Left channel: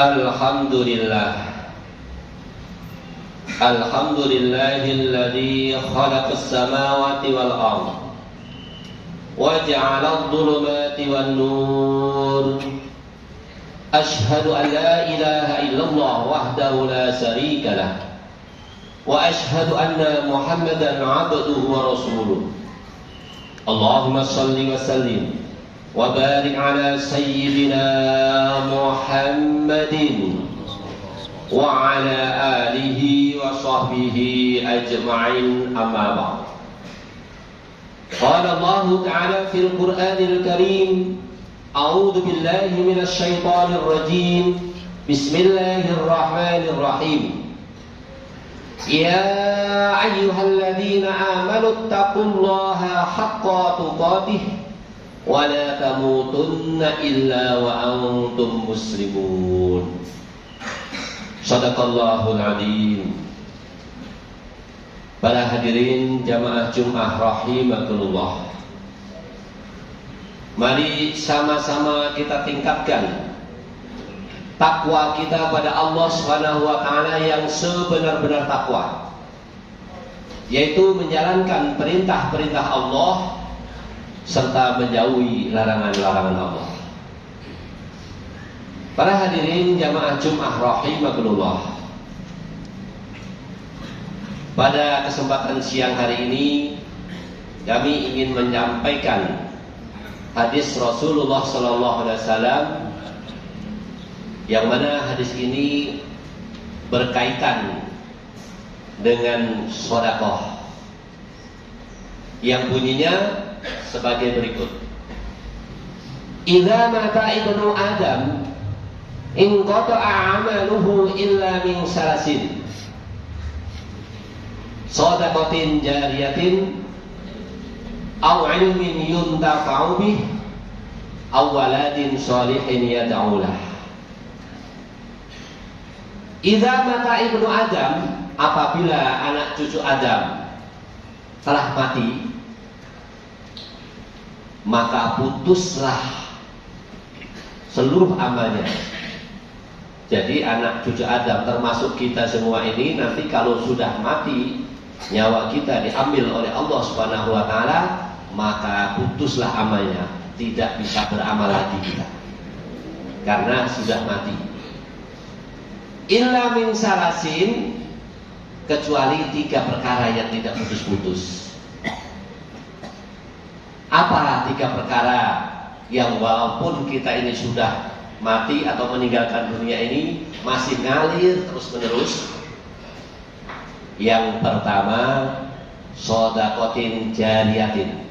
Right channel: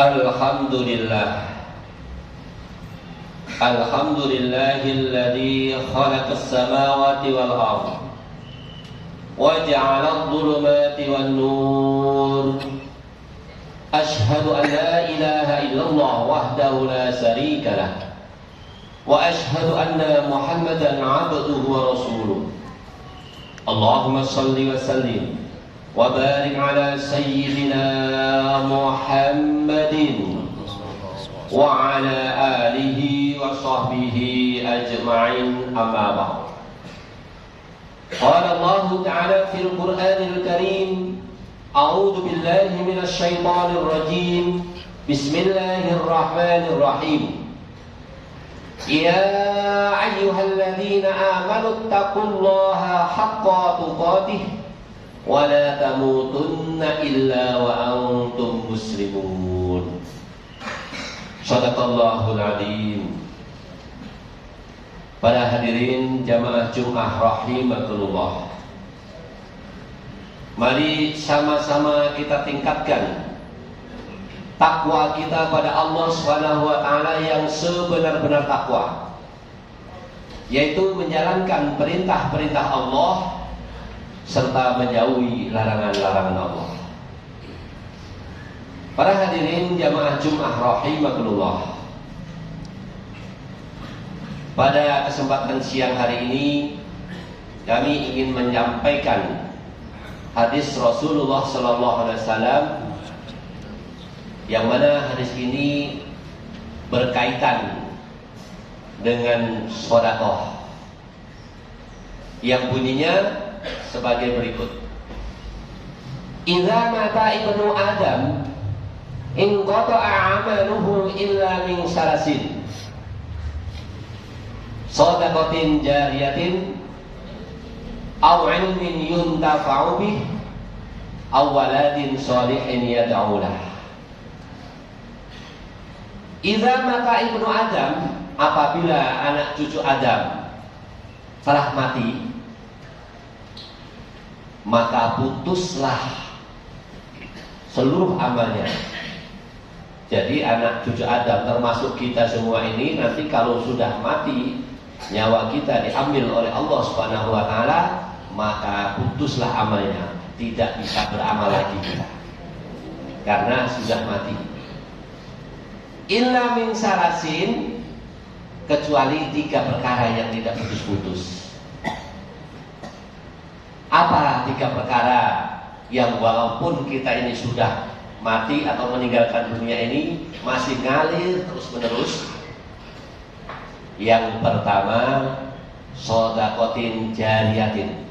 Alhamdulillah. Alhamdulillahilladzi khalaqas samawati wal ardh wa ja'ala adh-dhulumati wan nur. Ashhadu an la ilaha illallah wahdahu la syarika lah wa ashhadu anna Muhammadan 'abduhu wa rasuluh. Allahumma shalli wa sallim wa barik ala sayyidina Muhammadin wa ala alihi wa sahbihi ajma'in, amma ba'd. Qala Allah ta'ala fil Qur'anil Karim, a'udzu billahi minasy syaithanir rajim. Bismillahirrahmanirrahim. Ya ayyuhalladzina amanu taqullaha haqqa tuqatih wa la tamutunna illa wa antum muslimun. Shadaqallahul adzim. Para hadirin jamaah Jumat rahimakumullah. Mari sama-sama kita tingkatkan takwa kita pada Allah Subhanahu wa taala yang sebenar-benar takwa, yaitu menjalankan perintah-perintah Allah serta menjauhi larangan-larangan Allah. Para hadirin jamaah Jumat rahimakumullah. Pada kesempatan siang hari ini kami ingin menyampaikan hadis Rasulullah sallallahu alaihi wasallam, yang mana hadis ini berkaitan dengan sedekah, yang bunyinya sebagai berikut. Idza mata ibnu Adam in qata'a 'amaluhu illa min salasin, shadaqatin jariyatin aw 'ilmin yuntafa'u bih aw waladin shalihin yad'u lah. Idza mata ibnu Adam, apabila anak cucu Adam telah mati, maka putuslah seluruh amalnya. Jadi anak cucu Adam termasuk kita semua ini nanti kalau sudah mati, nyawa kita diambil oleh Allah Subhanahu wa taala, maka putuslah amalnya, tidak bisa beramal lagi kita karena sudah mati. Illa min salasin, kecuali 3 perkara yang tidak putus-putus. Apa 3 perkara yang walaupun kita ini sudah mati atau meninggalkan dunia ini masih ngalir terus-menerus? Yang pertama, shadaqatin jariyatin,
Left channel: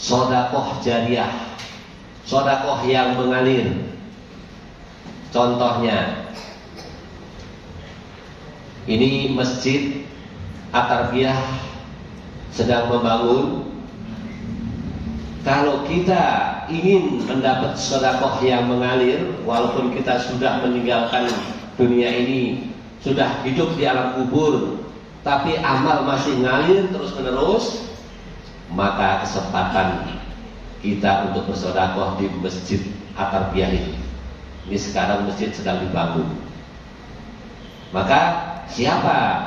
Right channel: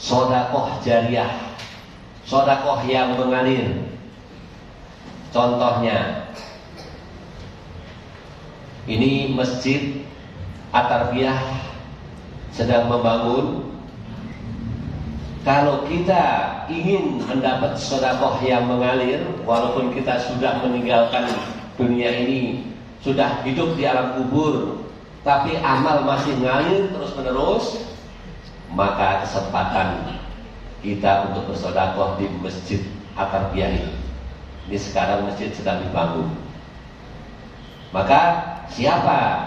sedekah jariyah, sedekah yang mengalir. Contohnya, ini masjid At-Tarbiyah sedang membangun. Kalau kita ingin mendapat sedekah yang mengalir, walaupun kita sudah meninggalkan dunia ini, sudah hidup di alam kubur, tapi amal masih ngalir terus-menerus, maka kesempatan kita untuk bersedekah di masjid At-Tarbiyah ini. Ini sekarang masjid sedang dibangun. Maka siapa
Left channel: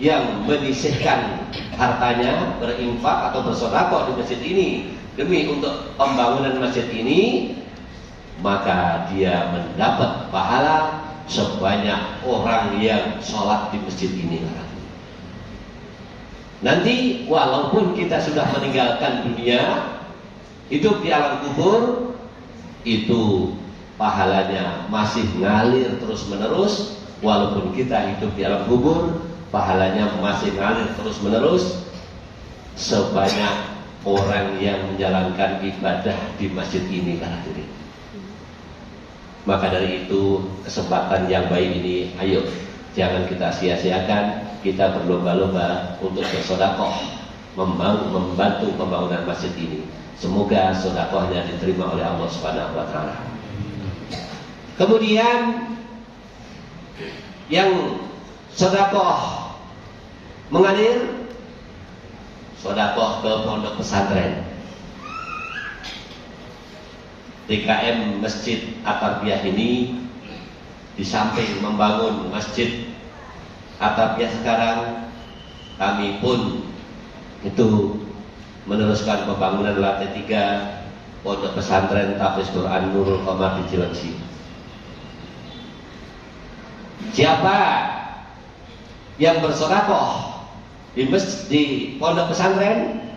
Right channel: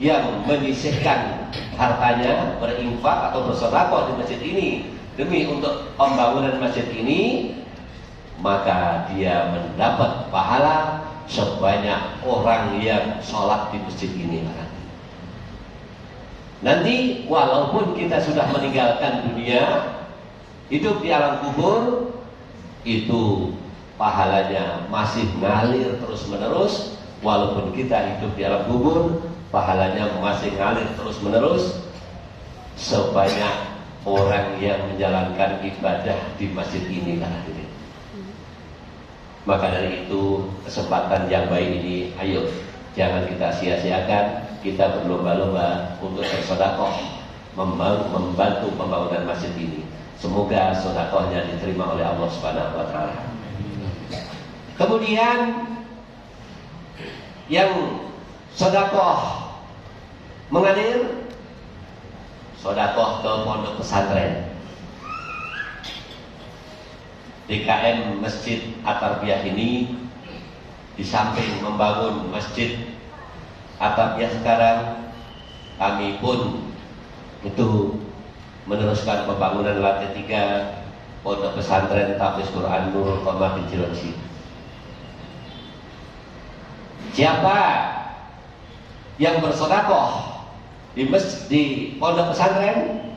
yang menyisihkan hartanya, berinfak atau bersedekah di masjid ini demi untuk pembangunan masjid ini, maka dia mendapat pahala sebanyak orang yang sholat di masjid ini. Nanti walaupun kita sudah meninggalkan dunia, hidup di alam kubur, itu pahalanya masih ngalir terus-menerus. Walaupun kita hidup di alam kubur, pahalanya masih ngalir terus-menerus sebanyak orang yang menjalankan ibadah di masjid ini. Maka dari itu, kesempatan yang baik ini, ayo jangan kita sia-siakan. Kita berlomba-lomba untuk bersedekah, membantu pembangunan masjid ini. Semoga sedekahnya diterima oleh Allah Subhanahu wa taala. Kemudian yang sedekah mengalir, sedekah ke pondok pesantren. DKM Masjid At-Tarbiyah ini di samping membangun masjid atap yang sekarang, kami pun itu meneruskan pembangunan lantai 3 Pondok Pesantren Tahfiz Quran Nurul Qamar di Cilengsi. Siapa yang bersedekah di pondok pesantren,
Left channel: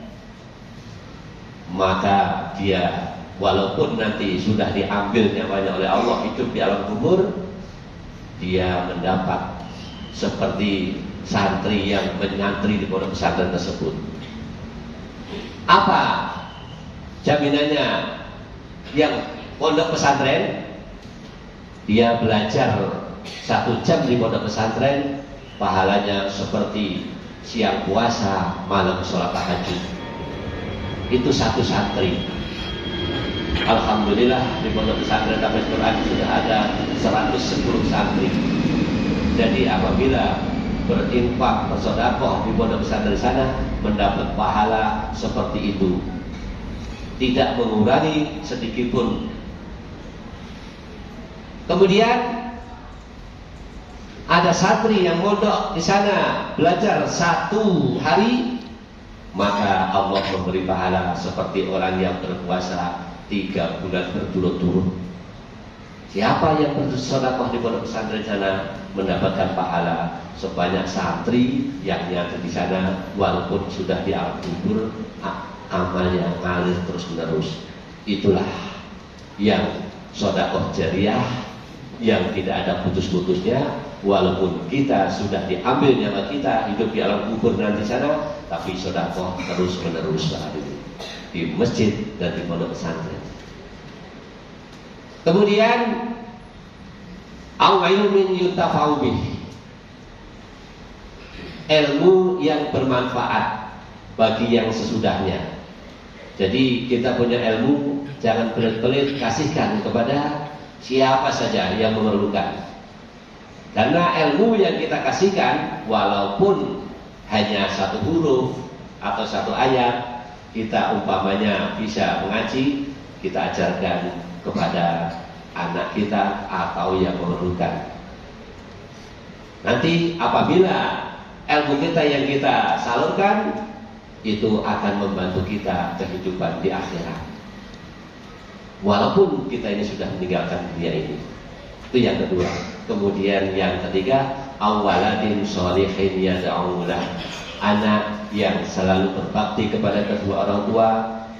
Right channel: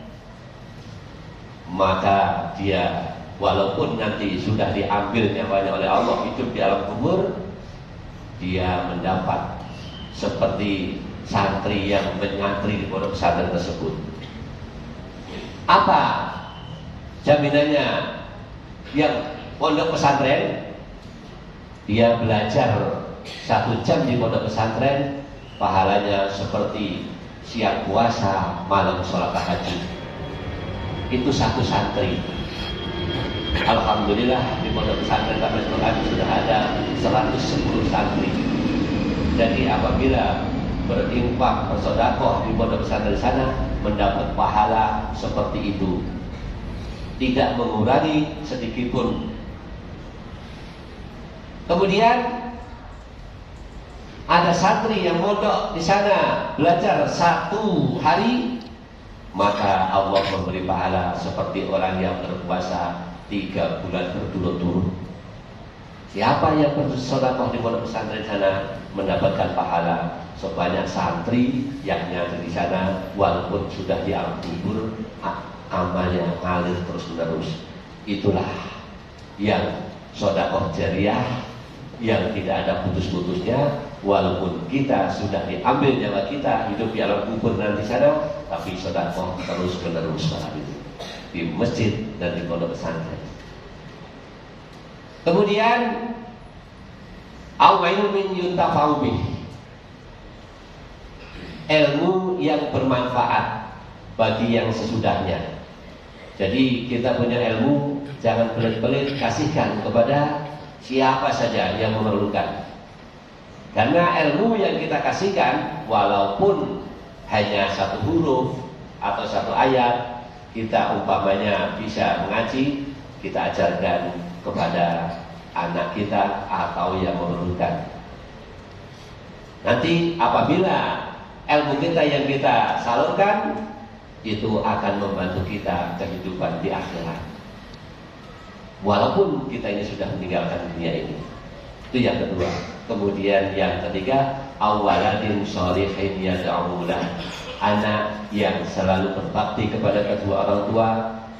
maka dia walaupun nanti sudah diambil nyawanya oleh Allah hidup di alam kubur, dia mendapat seperti santri yang menyantri di pondok pesantren tersebut. Apa jaminannya? Yang pondok pesantren, dia belajar 1 jam di pondok pesantren, pahalanya seperti siang puasa, malam sholat tahajud. Itu 1 santri. Alhamdulillah di pondok pesantren Tahfiz Quran sudah ada 110 santri. Jadi apabila berinfak bersedekah di pondok pesantren di sana, mendapat pahala seperti itu, tidak mengurangi sedikit pun. Kemudian ada santri yang mondok di sana belajar 1 hari, maka Allah memberi pahala seperti orang yang berpuasa 3 bulan berturut-turut. Siapa yang bersedekah di pondok pesantren sana mendapatkan pahala sebanyak santri yang nyantri di sana, walaupun sudah di alam kubur, amalnya ngalir terus menerus. Itulah yang sedekah jariah yang tidak ada putus-putusnya, walaupun kita sudah diambil nyawa kita hidup di alam kubur nanti sana, tapi sedekah terus menerus di masjid dan di pondok pesantren. Kemudian ilmin yuntafa'u bih, ilmu yang bermanfaat bagi yang sesudahnya. Jadi kita punya ilmu, jangan pelit-pelit kasihkan kepada siapa saja yang memerlukan. Karena ilmu yang kita kasihkan, walaupun hanya 1 huruf atau 1 ayat, kita umpamanya bisa mengaji, kita ajarkan kepada anak kita atau yang memerlukan. Nanti apabila ilmu kita yang kita salurkan, itu akan membantu kita kehidupan di akhirat, walaupun kita ini sudah meninggalkan dunia ini. Itu yang kedua. Kemudian yang ketiga, awaladin sholihin yad'ulah, anak yang selalu berbakti kepada kedua orang tua,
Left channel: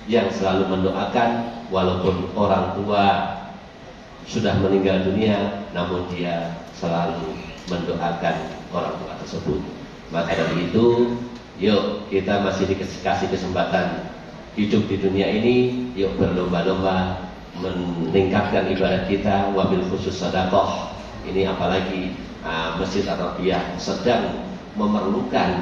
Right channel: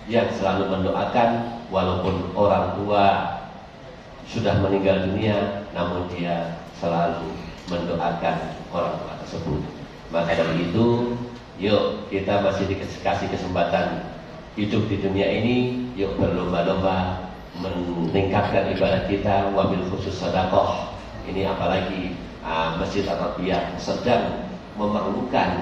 yang selalu mendoakan walaupun orang tua sudah meninggal dunia, namun dia selalu mendoakan orang tua tersebut. Maka dari itu, yuk kita masih dikasih kesempatan hidup di dunia ini, yuk berlomba-lomba meningkatkan ibadah kita, wabil khusus sedekah. Ini apalagi Masjid Ar-Rabiah sedang memerlukan,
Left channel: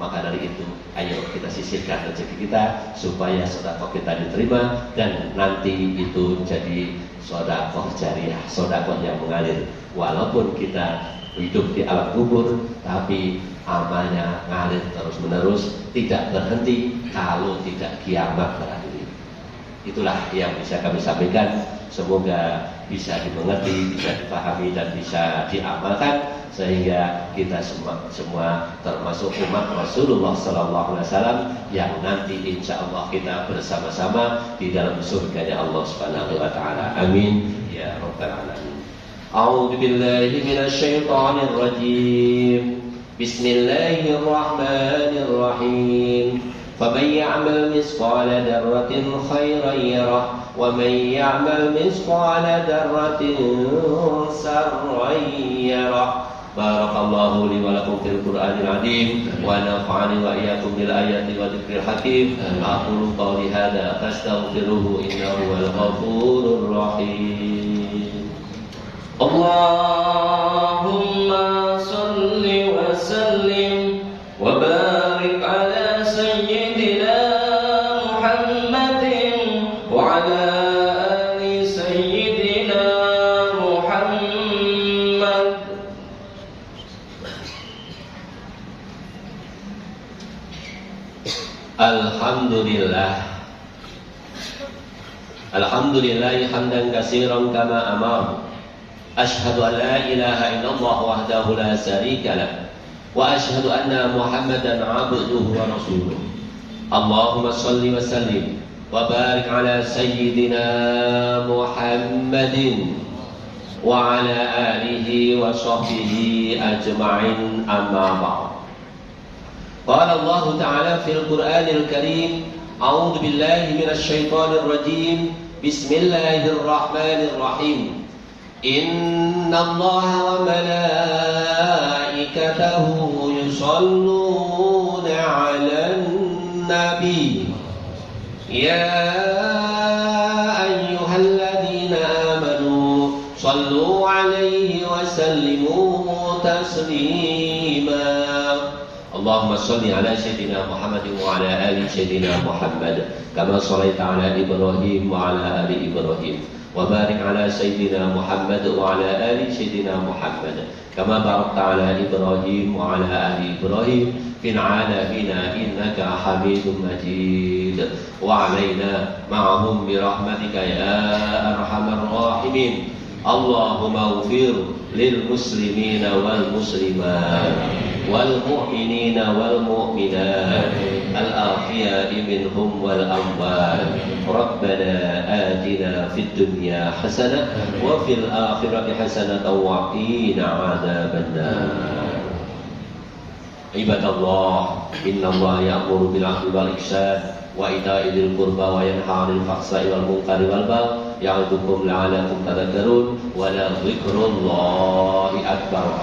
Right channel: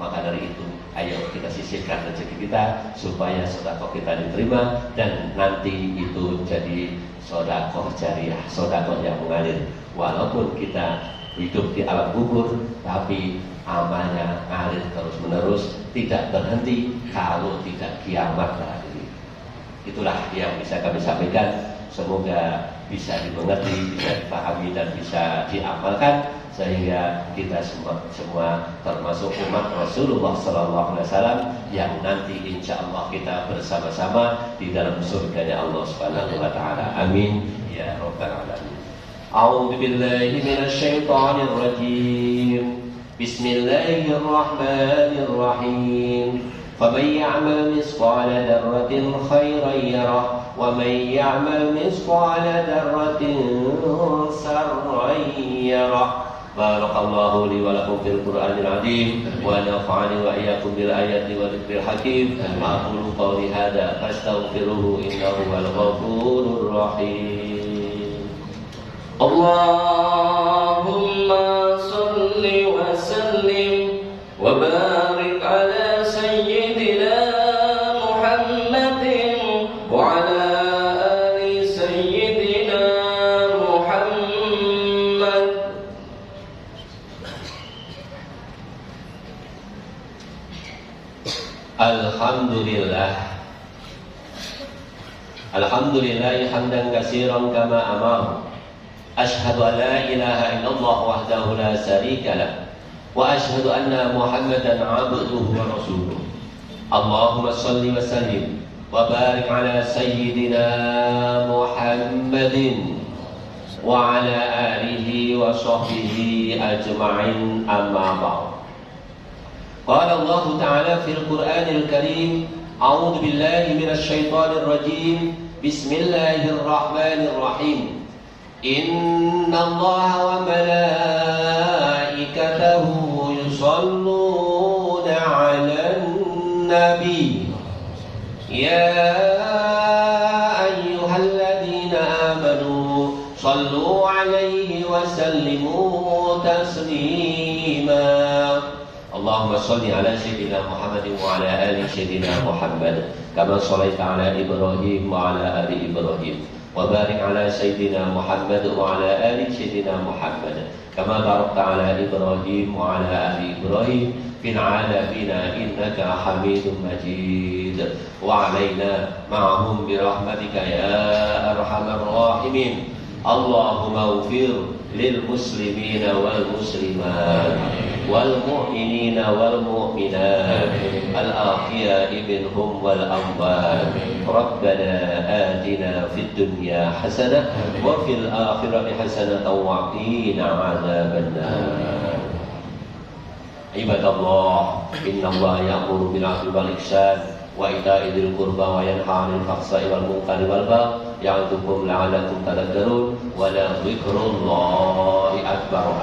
maka dari itu ayo kita sisihkan rezeki kita supaya sedekah kita diterima dan nanti itu jadi sedekah jariah, sedekah yang mengalir. Walaupun kita hidup di alam kubur, tapi amalnya ngalir terus menerus, tidak berhenti kalau tidak kiamat berakhir. Itulah yang bisa kami sampaikan. Semoga bisa dimengerti, bisa dipahami dan bisa diamalkan sehingga kita semua termasuk umat Rasulullah SAW yang nanti insya Allah kita bersama-sama di dalam surga Allah Subhanahu Wa Taala. Amin ya Rabbal Alamin. A'udzu billahi minasy syaithanir rajim. Bismillahirrahmanirrahim. فَمَنْ يَعْمَلْ مِثْقَالَ ذَرَّةٍ خَيْرًا يَرَهُ وَمَنْ يَعْمَلْ مِثْقَالَ ذَرَّةٍ شَرًّا يَرَهُ. بارك الله لي ولكم في القرآن العظيم ونفعني وإياكم بالآيات والذكر الحكيم. أقول قولي هذا فاستغفروه إنه هو الغفور الرحيم. اللهم صل وسلم وبارك على سيدنا محمد وعلى آل سيدنا محمد. Alhamdulillah. Alhamdulillah hamdan katsiran kama amara أشهد أن لا إله إلا الله وحده لا شريك له وأشهد أن محمدا عبده ورسوله اللهم صل وسلم وبارك على سيدنا محمد وعلى آله وصحبه أجمعين أما بعد قال الله تعالى في القرآن الكريم أعوذ بالله من الشيطان الرجيم بسم الله الرحمن الرحيم إن الله وملائكته يصلون على النبي يا أيها الذين آمنوا صلوا عليه وسلموا تسليما اللهم صل على سيدنا محمد وعلى آل سيدنا محمد كما صليت على إبراهيم وعلى آل إبراهيم وبارك على سيدنا محمد وعلى آل سيدنا محمد كما باركت على إبراهيم وعلى آل إبراهيم في العالمين إنك حميد مجيد وعلينا معهم برحمتك يا أرحم الراحمين اللهم اغفر للمسلمين والمسلمات والمؤمنين والمؤمنات الأحياء منهم والأموات ربنا آتنا في الدنيا حسنة وفي الآخرة حسنة وقنا عذاب النار عباد الله إن الله يأمر بالعدل والإحسان وإيتاء ذي القربى وينهى عن الفحشاء والمنكر والبغي يعظكم لعلكم تذكرون ولذكر الله أكبر